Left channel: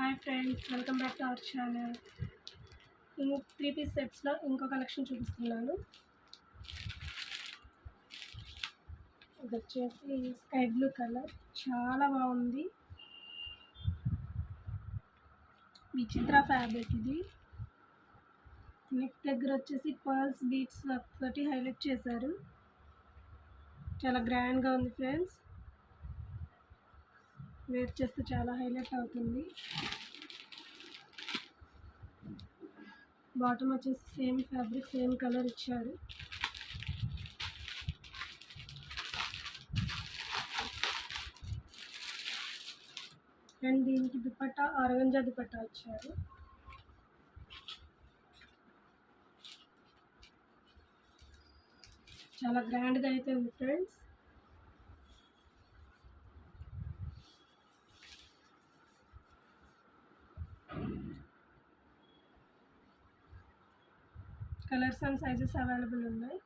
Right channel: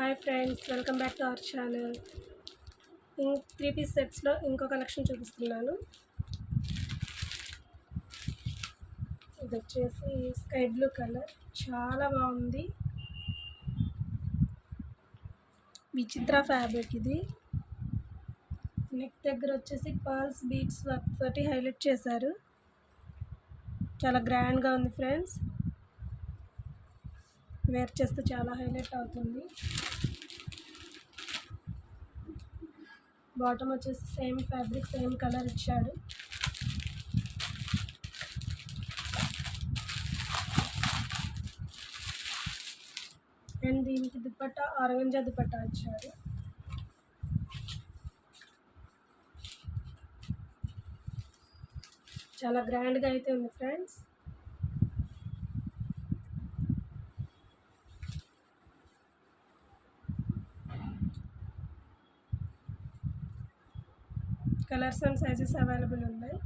Hi friends, welcome back to our channel. Three piece సెట్స్లో ఇంకో collection చూపిస్తున్నాను. ఇది వచ్చేసి స్కై బ్లూ కలర్, చాలా బాగుంది. విచిత్ర ఫ్యాబ్రిక్ ఇది. నెక్ దగ్గర వచ్చేసి పర్ల్స్ బీడ్స్ వర్క్ తోటి హైలైట్ చేశారు. చాలా గ్రాండ్గా ఉంది ఫ్రెండ్స్. వేర్ చేస్తే చాలా హైలైట్ అవుతుంది. బాటమ్ వచ్చేసి సేమ్ ఫ్యాబ్రిక్, సేమ్ కలర్ ఇచ్చాడు. అండ్ దీనికి దుపట్టా ఆర్గంజా దుపట్టా ఇచ్చారు. చాలా గ్రాండ్గా అయితే ఉంది friends. Colours and sizes available ఉన్నాయి.